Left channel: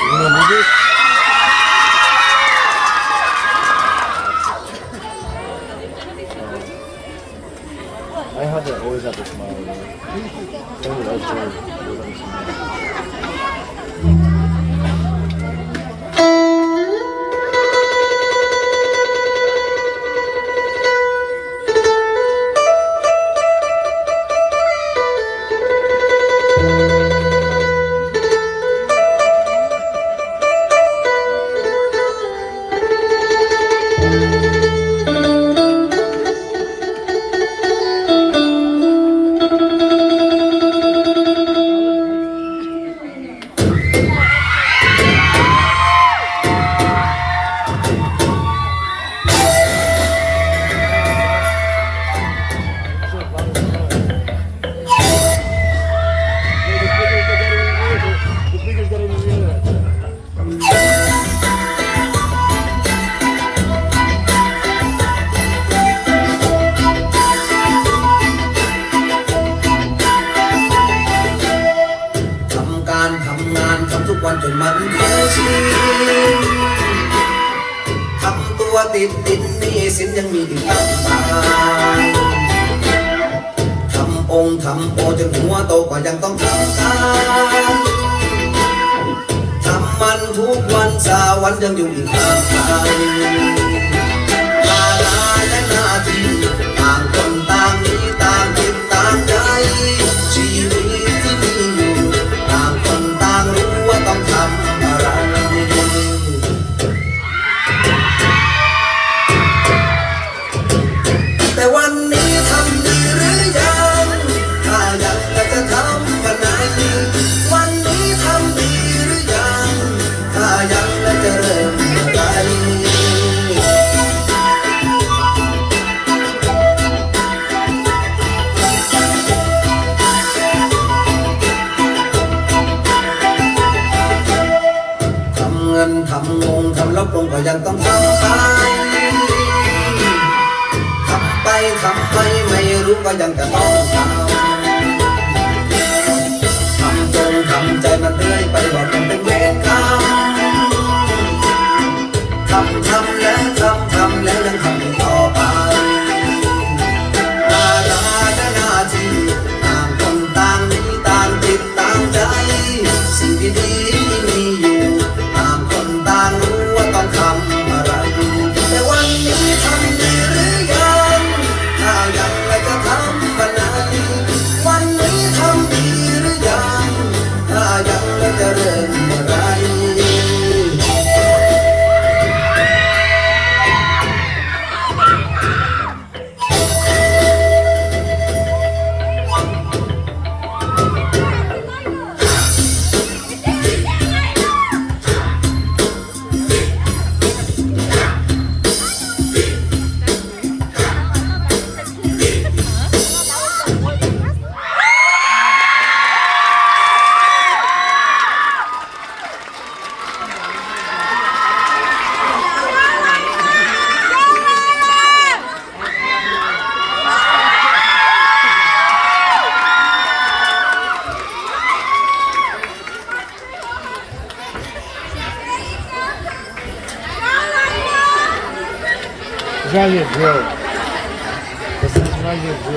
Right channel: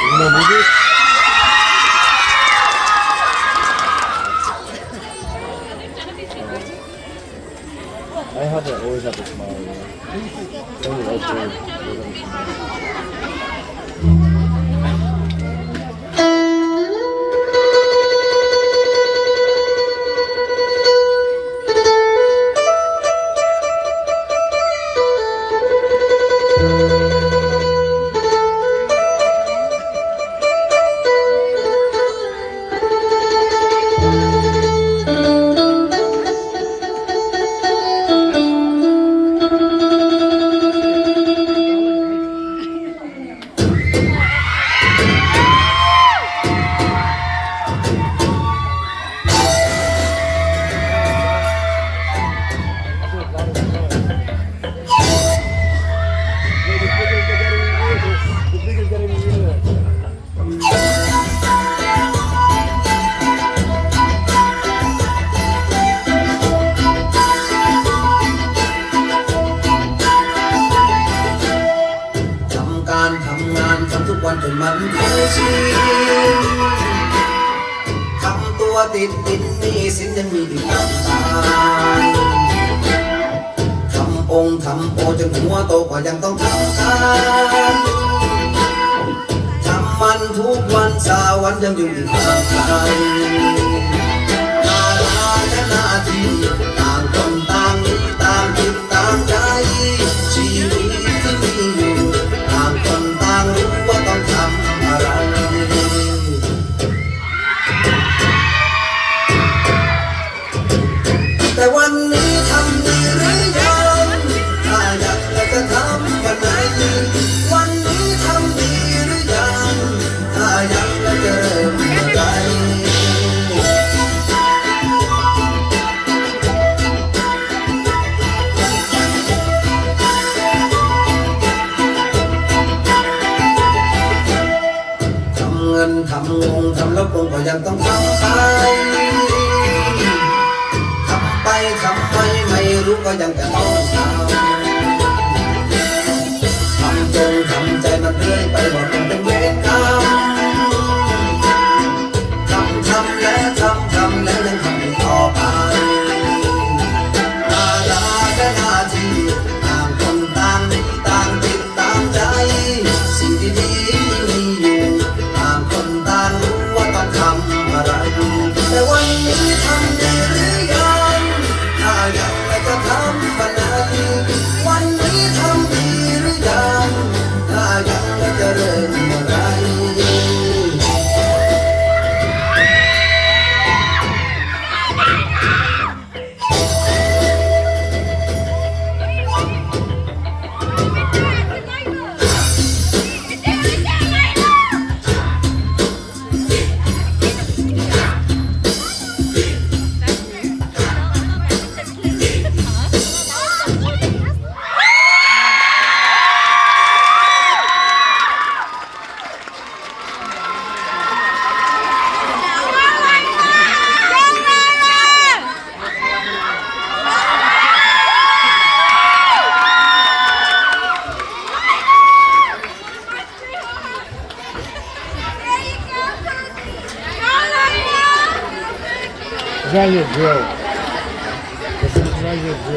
Не будет. I have it always have a smile. Only also.ทำทุกวันจนมันเคยชินทำตัวติดดินนี่สินยังมีอีกตั้งตายทำองค์ทำโอจนหัวโตก็ยังต้องทำการทำมันทุกวันสาวันยังอยู่อีกต่างไกลภาระและหน้าที่ต่างคนต่างมีต่างคิดต่างใจชีวิตที่มีอยู่ต่างคนต่างรู้ว่าต้องทำอะไรแต่วันนี้ทำดีหรือยังถ้าอยากจะทำวันไหนวันนี้ทำดีหรือยังถ้าอยากจะเริ่มอะไรทำงงทำลบลงก็ยังต้องทำไปทำไปไม่รู้ก็ยังจะต้องทำจงทำใจมันเรื่อยไปบอกมันเป็นเวรกรรมทำแล้วยังทำอีกต่อไปภาระและหน้าที่ต่างคนต่างมีต่างจิตต่างใจสิ่งดีๆมีอยู่ต่างคนต่างรู้ว่าต้องทำอะไรแต่วันนี้ทำดีหรือยังถ้ายังไม่จะทำวันไหนวันนี้ทำดีหรือยังถ้ายังไม่จะเริ่มอะไรЗвание сделал. Звание сделал.